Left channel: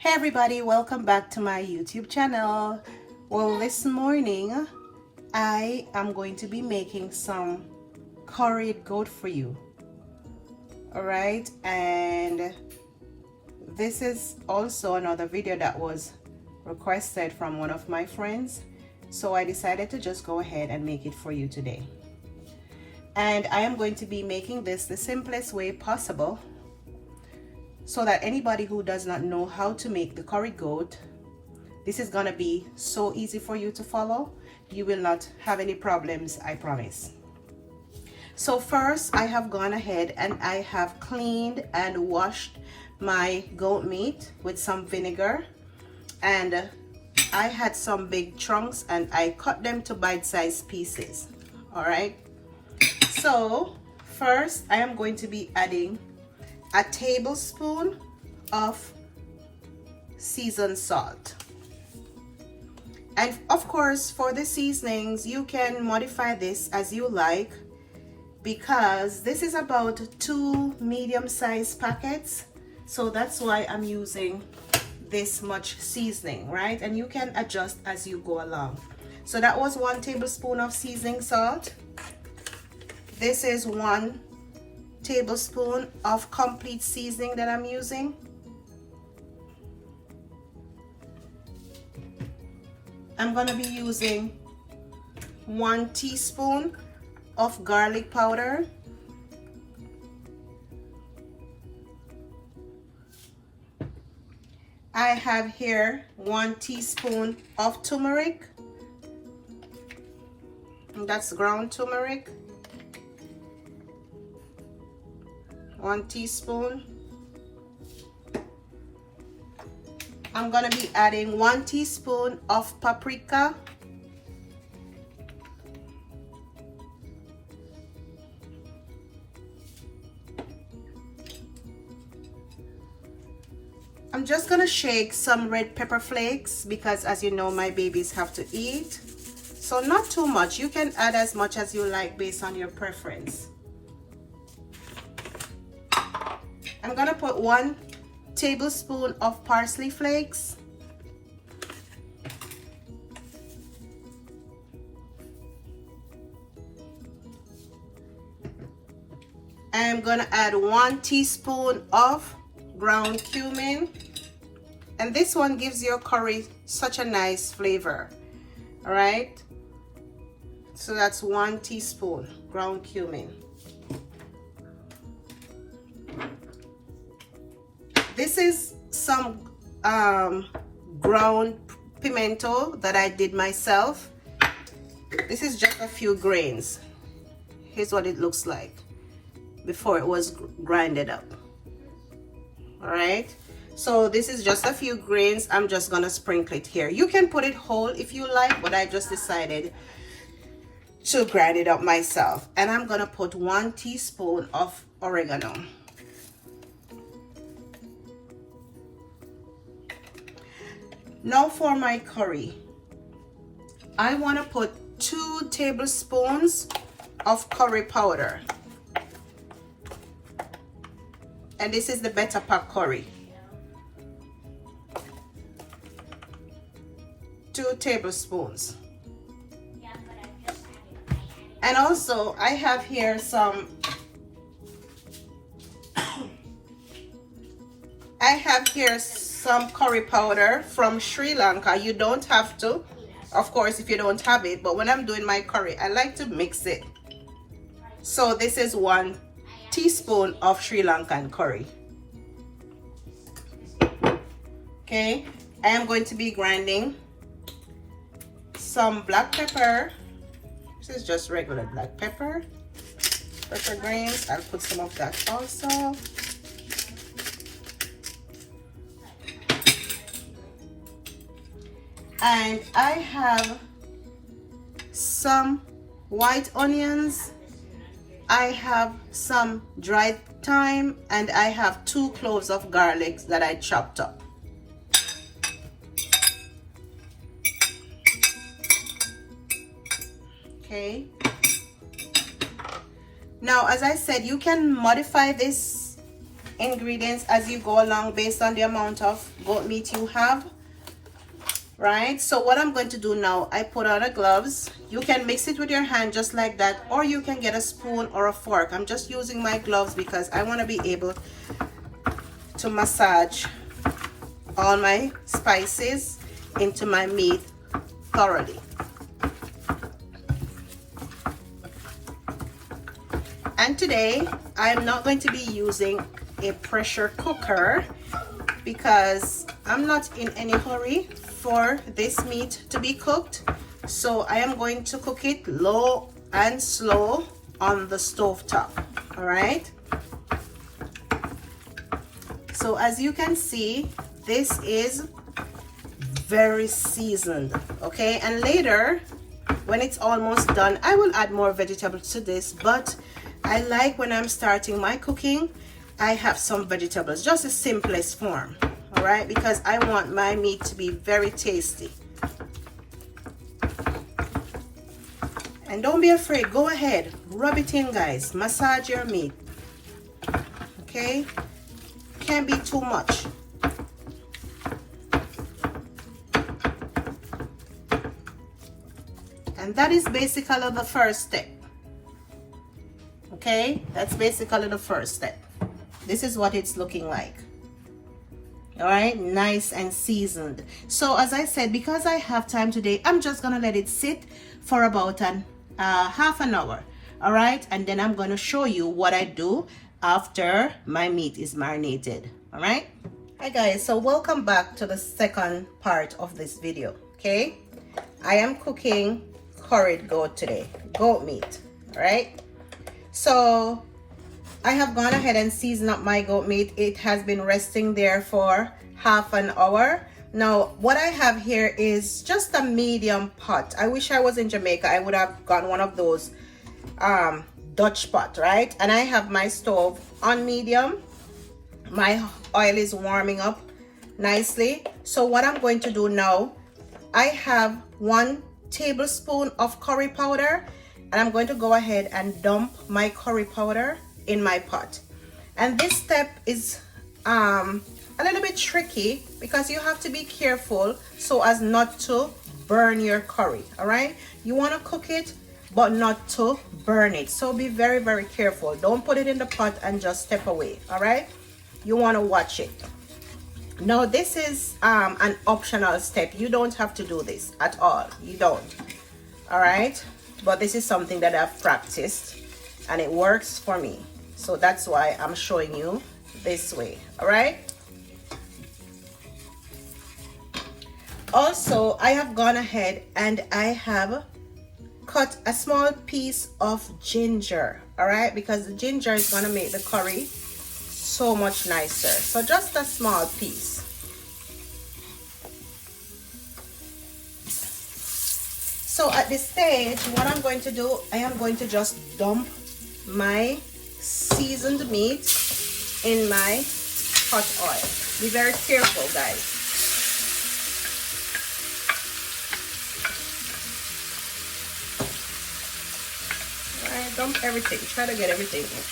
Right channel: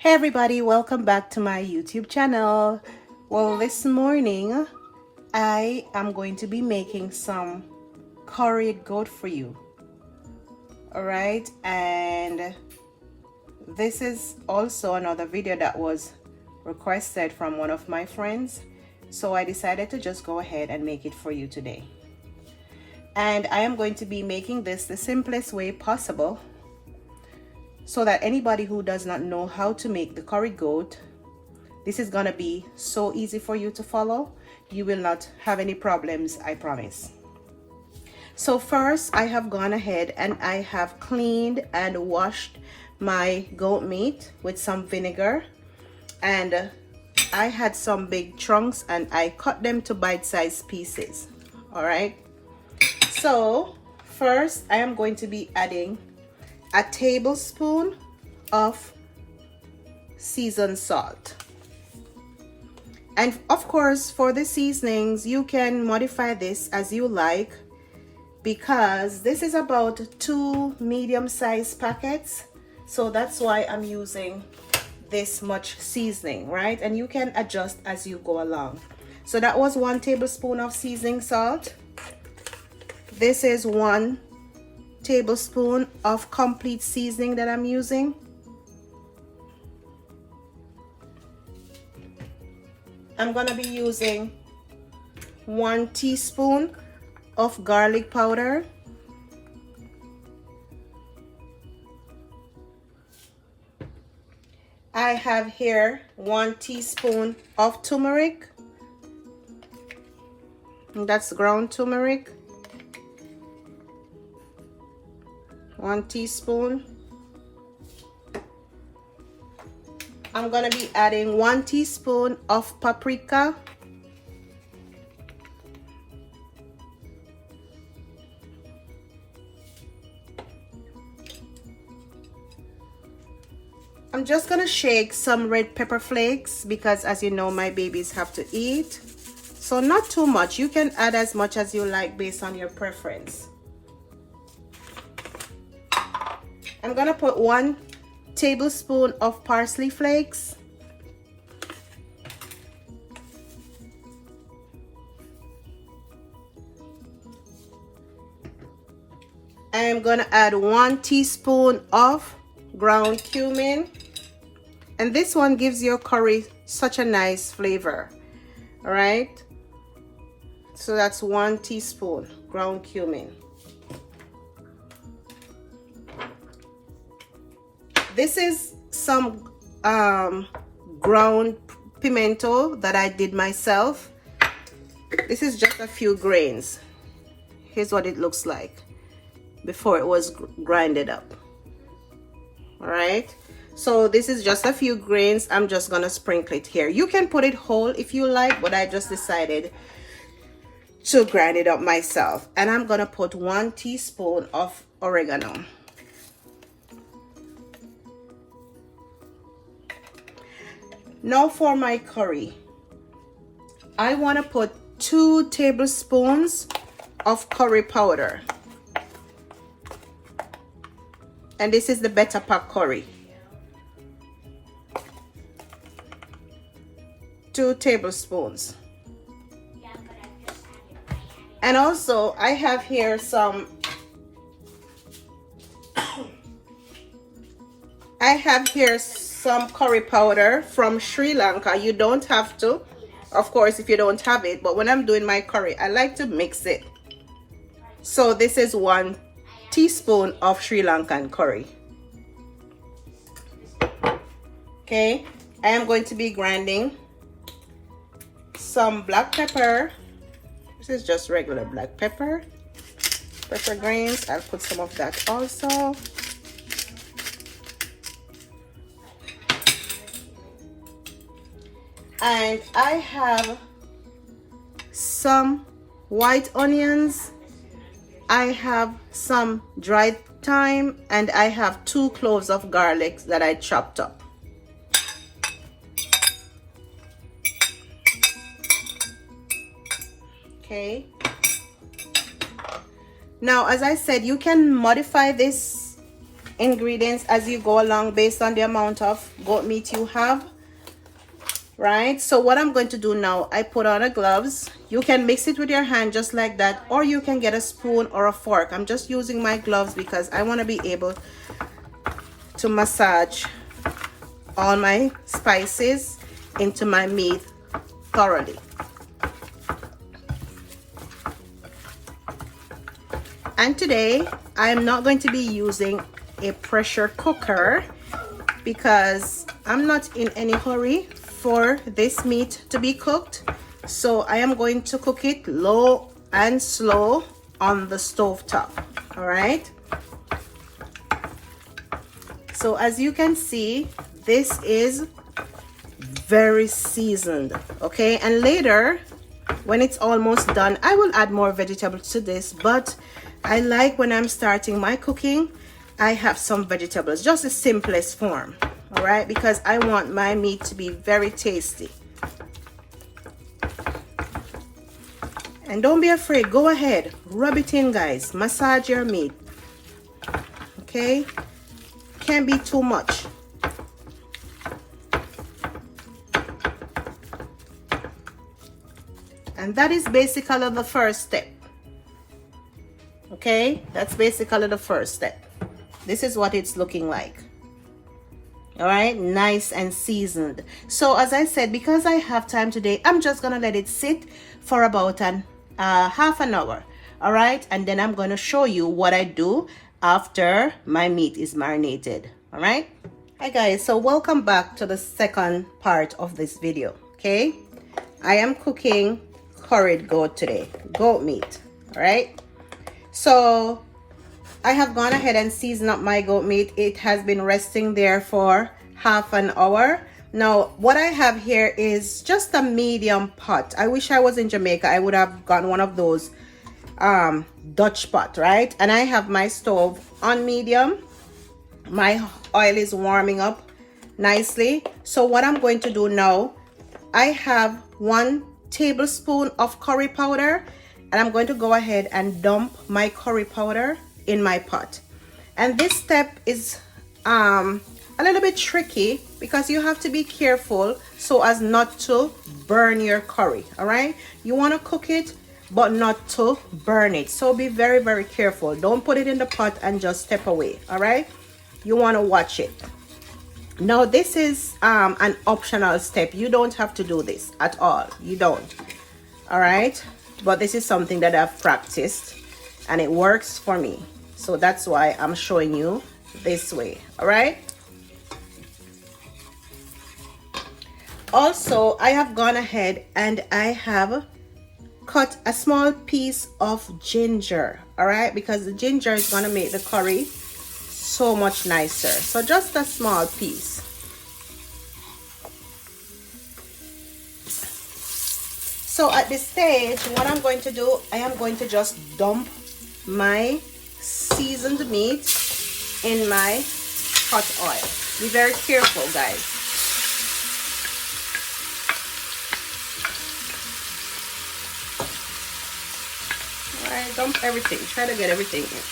Hey everybody, welcome back to my YouTube channel. Well, this morning I am going to be making some curried goat for you. Alright, and this is also another video that was requested from one of my friends, so I decided to just go ahead and make it for you today. And I am going to be making this the simplest way possible, so that anybody who does not know how to make the curried goat, this is gonna be so easy for you to follow. You will not have any problems, I promise. So first, I have gone ahead and I have cleaned and washed my goat meat with some vinegar, and I had some big chunks and I cut them to bite-sized pieces. All right, so first I am going to be adding a tablespoon of seasoned salt. And of course, for the seasonings, you can modify this as you like, because this is about 2 medium-sized packets, so that's why I'm using this much seasoning, right? And you can adjust as you go along. So that was 1 tablespoon of seasoning salt. This is 1 tablespoon of complete seasoning that I'm using. I'm gonna be using 1 teaspoon of garlic powder, I have here 1 teaspoon of turmeric, that's ground turmeric, 1 teaspoon. I'm gonna be adding 1 teaspoon of paprika, I'm just gonna shake some red pepper flakes, because as you know, my babies have to eat, so not too much. You can add as much as you like based on your preference. I'm gonna put 1 tablespoon of parsley flakes, I'm gonna add 1 teaspoon of ground cumin, and this one gives your curry such a nice flavor. All right, so that's 1 teaspoon ground cumin. This is some ground pimento that I did myself. This is just a few grains. Here's what it looks like before it was grinded up. All right, so this is just a few grains. I'm just gonna sprinkle it here. You can put it whole if you like, but I just decided to grind it up myself. And I'm gonna put 1 teaspoon of oregano. Now for my curry, I want to put 2 tablespoons of curry powder, and this is the better pack curry. 2 tablespoons. And also I have here some some curry powder from Sri Lanka. You don't have to, of course, if you don't have it, but when I'm doing my curry, I like to mix it. So this is 1 teaspoon of Sri Lankan curry. Okay, I am going to be grinding some black pepper. This is just regular black pepper grains. I'll put some of that also. And I have some white onions, I have some dried thyme, and I have 2 cloves of garlic that I chopped up. Okay, now as I said, you can modify this ingredients as you go along based on the amount of goat meat you have, right? So what I'm going to do now, I put on the gloves. You can mix it with your hand just like that, or you can get a spoon or a fork. I'm just using my gloves because I want to be able to massage all my spices into my meat thoroughly. And today I am not going to be using a pressure cooker because I'm not in any hurry for this meat to be cooked. So I am going to cook it low and slow on the stove top. All right. So as you can see, this is very seasoned. Okay, and later when it's almost done, I will add more vegetables to this, but I like when I'm starting my cooking, I have some vegetables, just the simplest form, all right, because I want my meat to be very tasty. And don't be afraid, go ahead, rub it in, guys, massage your meat, okay? Can't be too much. And that is basically the first step. Okay, that's basically the first step. This is what it's looking like. All right, nice and seasoned. So as I said, because I have time today, I'm just gonna let it sit for about half an hour. All right, and then I'm going to show you what I do after my meat is marinated. All right. Hi guys, so welcome back to the second part of this video. Okay, I am cooking curried goat today, goat meat. All right, so I have gone ahead and seasoned up my goat meat. It has been resting there for half an hour. Now what I have here is just a medium pot. I wish I was in Jamaica. I would have gotten one of those Dutch pot, right? And I have my stove on medium. My oil is warming up nicely. So what I'm going to do now, I have 1 tablespoon of curry powder, and I'm going to go ahead and dump my curry powder in my pot. And this step is a little bit tricky because you have to be careful so as not to burn your curry. All right, you want to cook it but not to burn it, so be very, very careful. Don't put it in the pot and just step away. All right, you want to watch it. Now this is an optional step. You don't have to do this at all, you don't. All right, but this is something that I've practiced and it works for me, so that's why I'm showing you this way. All right, also I have gone ahead and I have cut a small piece of ginger. All right, because the ginger is going to make the curry so much nicer. So just a small piece. So at this stage, what I'm going to do, I am going to just dump my seasoned meat in my hot oil. Be very careful, guys. Alright, dump everything. Try to get everything in.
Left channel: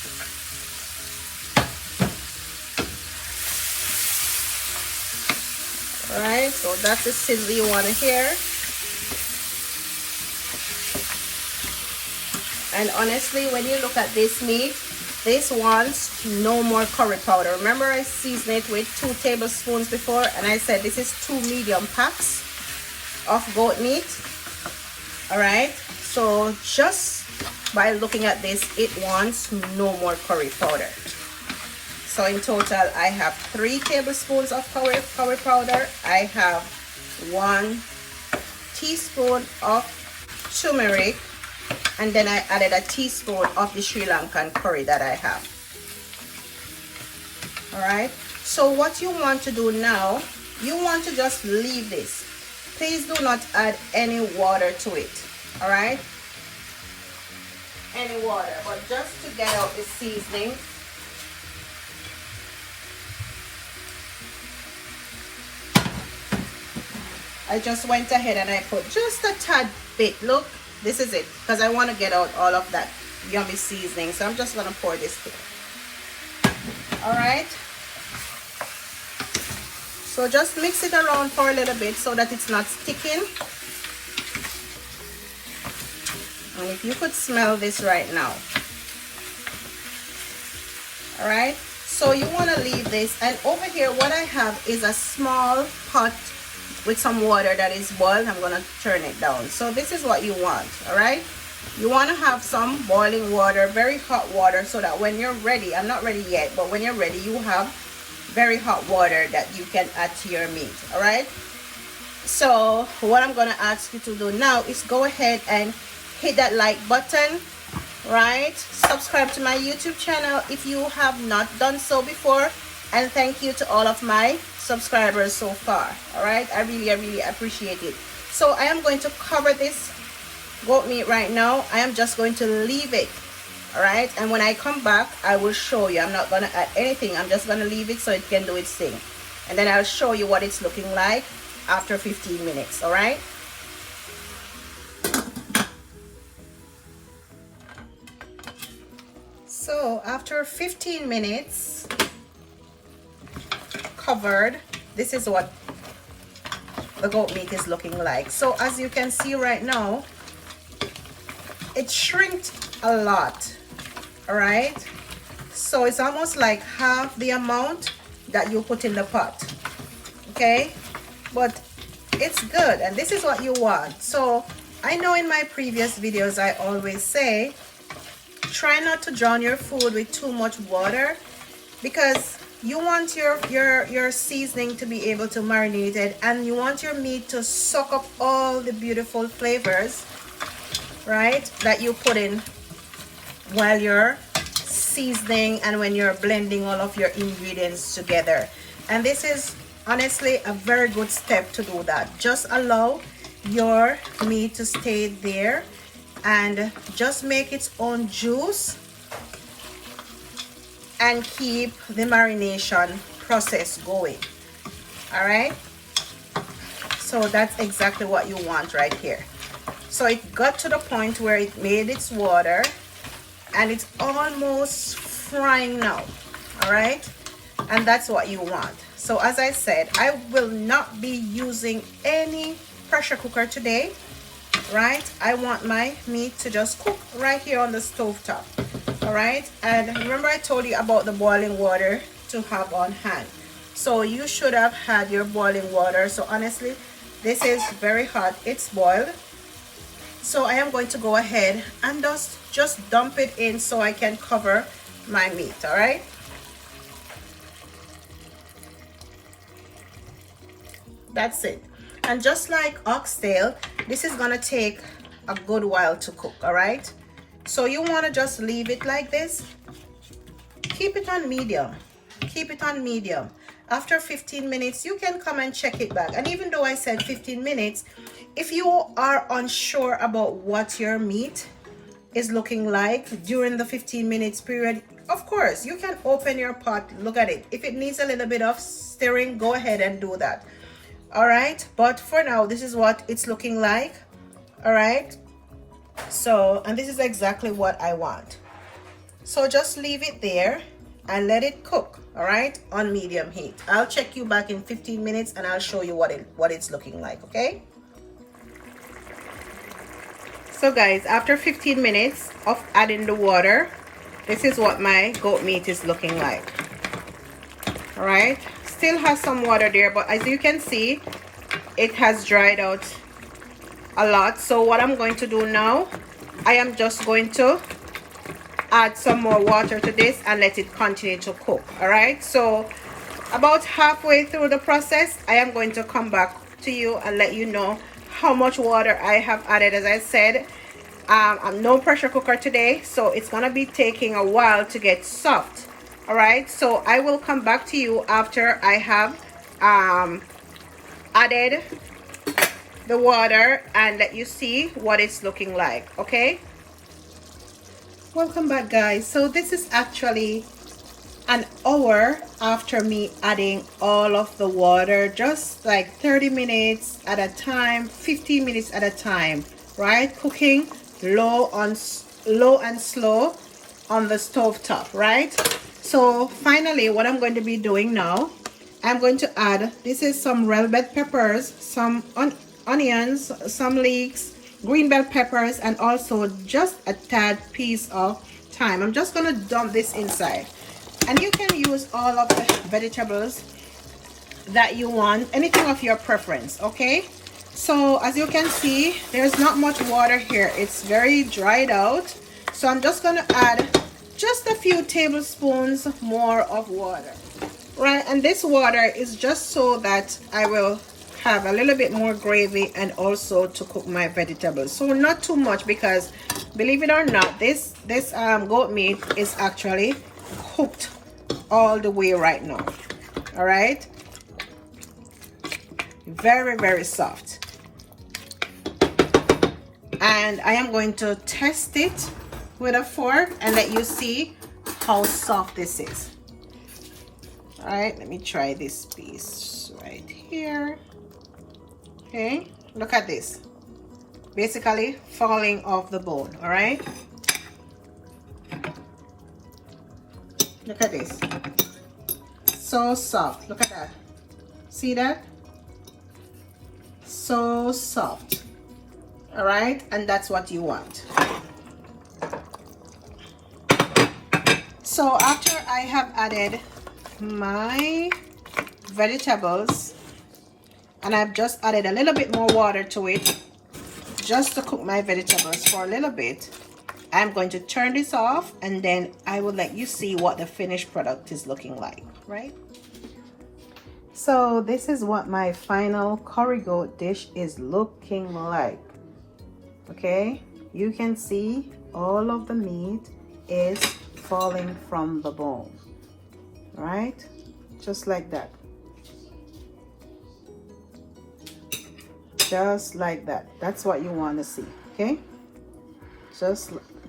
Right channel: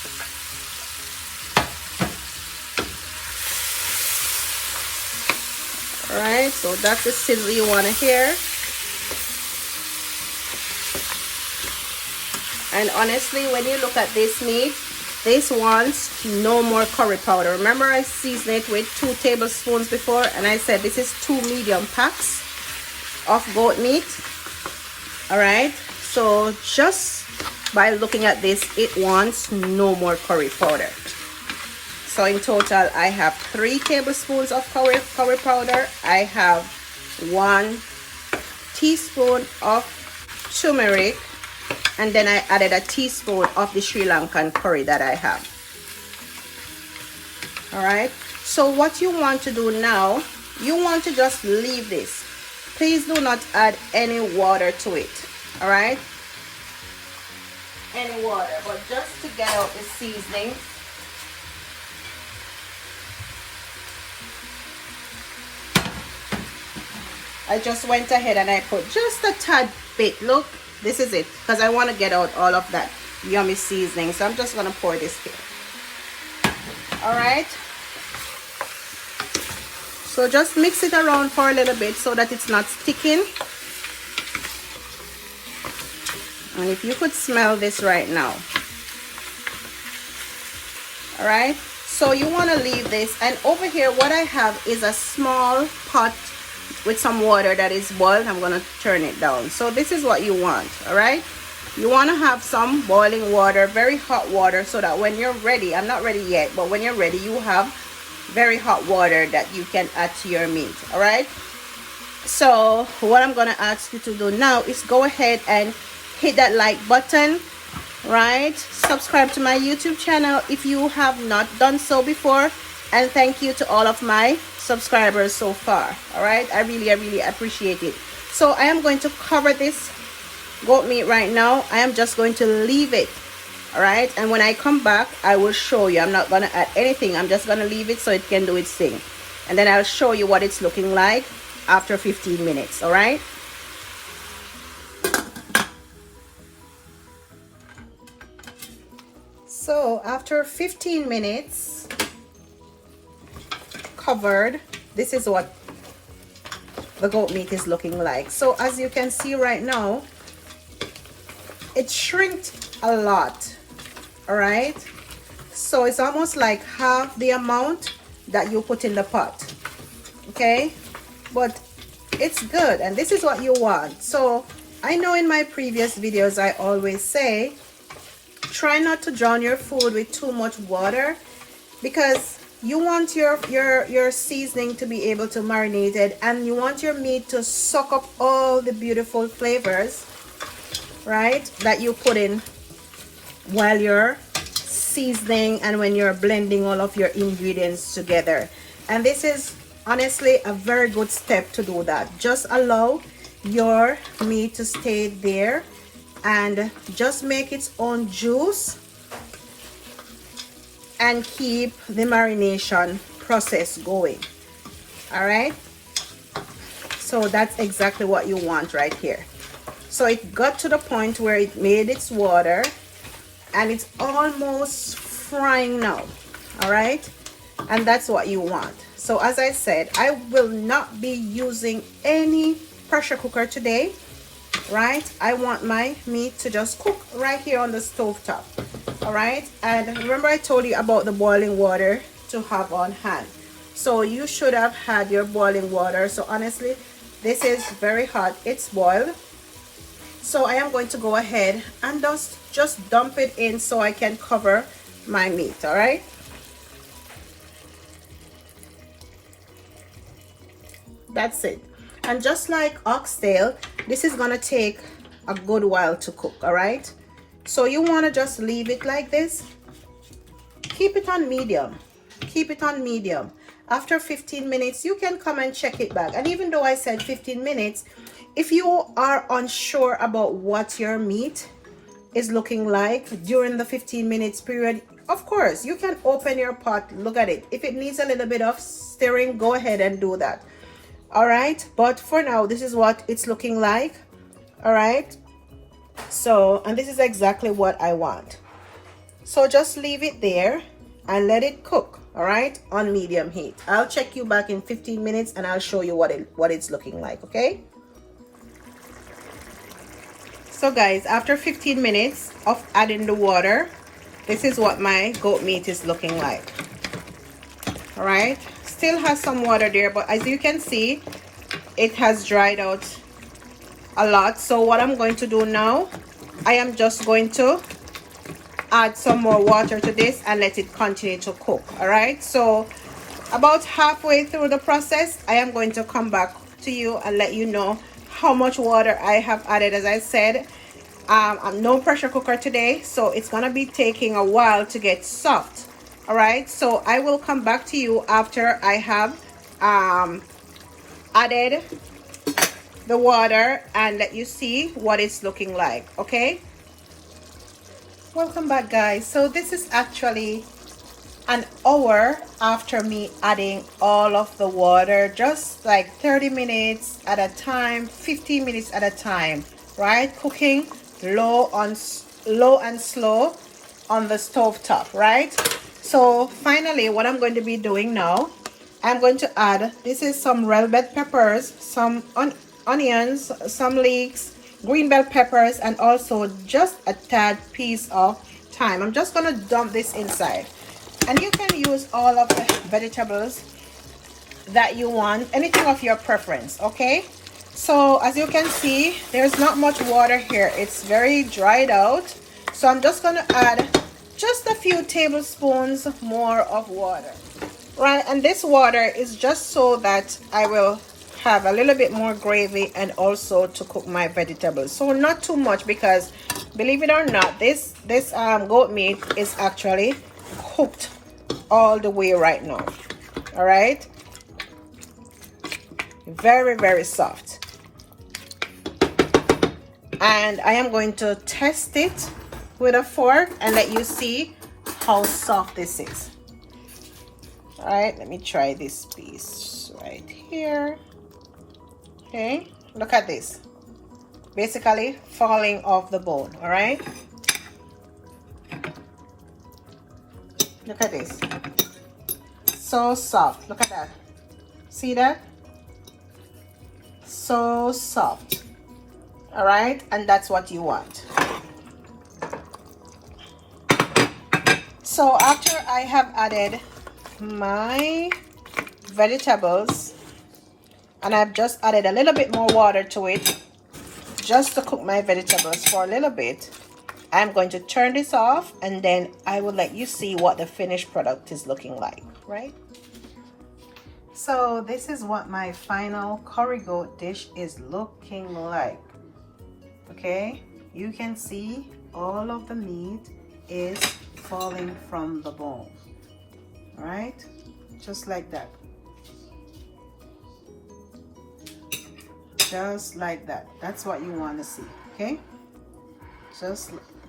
Alright, so that's the sizzle you want to hear. And honestly, when you look at this meat, this wants no more curry powder. Remember, I seasoned it with 2 tablespoons before, and I said this is 2 medium packs of goat meat. All right, so just by looking at this, it wants no more curry powder. So in total, I have 3 tablespoons of curry powder. I have 1 teaspoon of turmeric, and then I added a teaspoon of the Sri Lankan curry that I have. All right, so what you want to do now, you want to just leave this. Please do not add any water to it. All right, any water, but just to get out the seasoning. I just went ahead and I put just a tad bit. Look, this is it, because I want to get out all of that yummy seasoning. So I'm just going to pour this in. All right, so just mix it around for a little bit so that it's not sticking. And if you could smell this right now. All right, so you want to leave this, and over here what I have is a small pot with some water that is boiled. I'm going to turn it down. So this is what you want. All right, you want to have some boiling water, very hot water, so that when you're ready, I'm not ready yet, but when you're ready, you have very hot water that you can add to your meat. All right, so what I'm going to ask you to do now is go ahead and hit that like button, right? Subscribe to my YouTube channel if you have not done so before, and thank you to all of my subscribers so far. All right, I really appreciate it. So I am going to cover this goat meat right now. I am just going to leave it. All right, and when I come back, I will show you. I'm not going to add anything. I'm just going to leave it so it can do its thing, and then I'll show you what it's looking like after 15 minutes. All right, so after 15 minutes covered, this is what the goat meat is looking like. So as you can see right now, it shrinked a lot. All right, so it's almost like half the amount that you put in the pot. Okay, but it's good, and this is what you want. So I know in my previous videos I always say try not to drown your food with too much water, because you want your seasoning to be able to marinate it, and you want your meat to soak up all the beautiful flavors, right, that you put in while you're seasoning and when you're blending all of your ingredients together. And this is honestly a very good step to do that. Just allow your meat to stay there and just make its own juice, and keep the marination process going. All right, so that's exactly what you want right here. So it got to the point where it made its water, and it's almost frying now. All right, and that's what you want. So as I said, I will not be using any pressure cooker today, right? I want my meat to just cook right here on the stove top. All right, and remember I told you about the boiling water to have on hand. So you should have had your boiling water. So honestly, this is very hot. It's boiled. So I am going to go ahead and just dump it in so I can cover my meat. All right, that's it. And just like oxtail, this is gonna take a good while to cook. All right, so you want to just leave it like this. Keep it on medium. Keep it on medium. After 15 minutes, you can come and check it back. And even though I said 15 minutes, if you are unsure about what your meat is looking like during the 15 minutes period, of course, you can open your pot, look at it. If it needs a little bit of stirring, go ahead and do that. All right, but for now, this is what it's looking like. All right, so, and this is exactly what I want. So just leave it there and let it cook. All right, on medium heat. I'll check you back in 15 minutes and I'll show you what it's looking like. Okay, so guys, after 15 minutes of adding the water, this is what my goat meat is looking like. All right, still has some water there, but as you can see, it has dried out a lot. So what I'm going to do now, I am just going to add some more water to this and let it continue to cook. All right, so about halfway through the process, I am going to come back to you and let you know how much water I have added. As I said, I'm no pressure cooker today, so it's gonna be taking a while to get soft. All right, so I will come back to you after I have added the water and let you see what it's looking like. Okay, welcome back guys. So this is actually an hour after me adding all of the water, just like 30 minutes at a time, 15 minutes at a time, right? Cooking low and slow on the stove top, right? So finally, what I'm going to be doing now, I'm going to add, this is some red bell peppers, some onions, some leeks, green bell peppers, and also just a tad piece of thyme. I'm just going to dump this inside. And you can use all of the vegetables that you want, anything of your preference, okay? So as you can see, there's not much water here. It's very dried out. So I'm just going to add just a few tablespoons more of water. Right, and this water is just so that I will have a little bit more gravy and also to cook my vegetables. So not too much, because believe it or not, this goat meat is actually cooked all the way right now. All right, very, very soft. And I am going to test it with a fork and let you see how soft this is. All right, let me try this piece right here. Okay, look at this, basically falling off the bone. All right, look at this, so soft. Look at that, see that? So soft. All right, and that's what you want. So after I have added my vegetables and I've just added a little bit more water to it just to cook my vegetables for a little bit, I'm going to turn this off, and then I will let you see what the finished product is looking like. Right, so this is what my final curry goat dish is looking like. Okay, you can see all of the meat is falling from the bone. Right, just like that, just like that. That's what you want to see. Okay,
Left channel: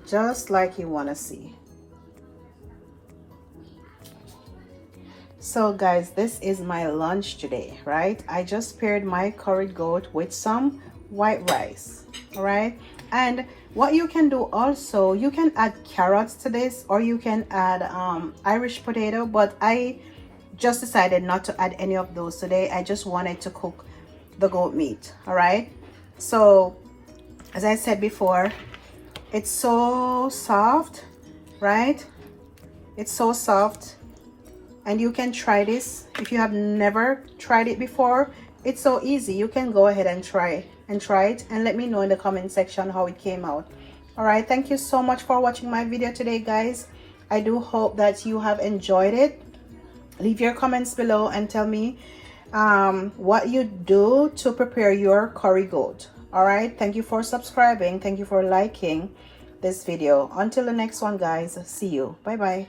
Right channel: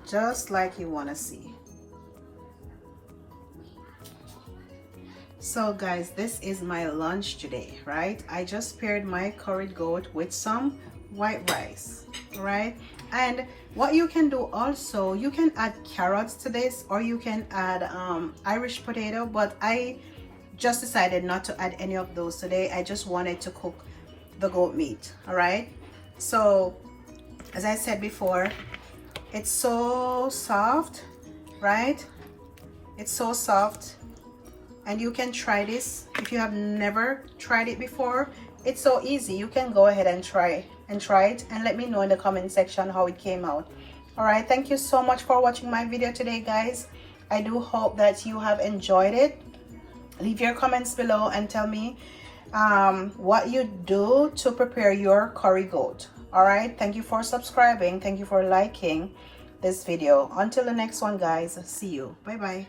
just like you want to see. So guys, this is my lunch today. Right, I just paired my curried goat with some white rice. All right, and what you can do also, you can add carrots to this, or you can add Irish potato, but I just decided not to add any of those today. I just wanted to cook the goat meat. All right, so as I said before, it's so soft. Right, it's so soft, and you can try this if you have never tried it before. It's so easy. You can go ahead and try it and let me know in the comment section how it came out. All right, thank you so much for watching my video today, guys. I do hope that you have enjoyed it. Leave your comments below and tell me what you do to prepare your curry goat. All right, thank you for subscribing, thank you for liking this video. Until the next one, guys, see you. Bye bye.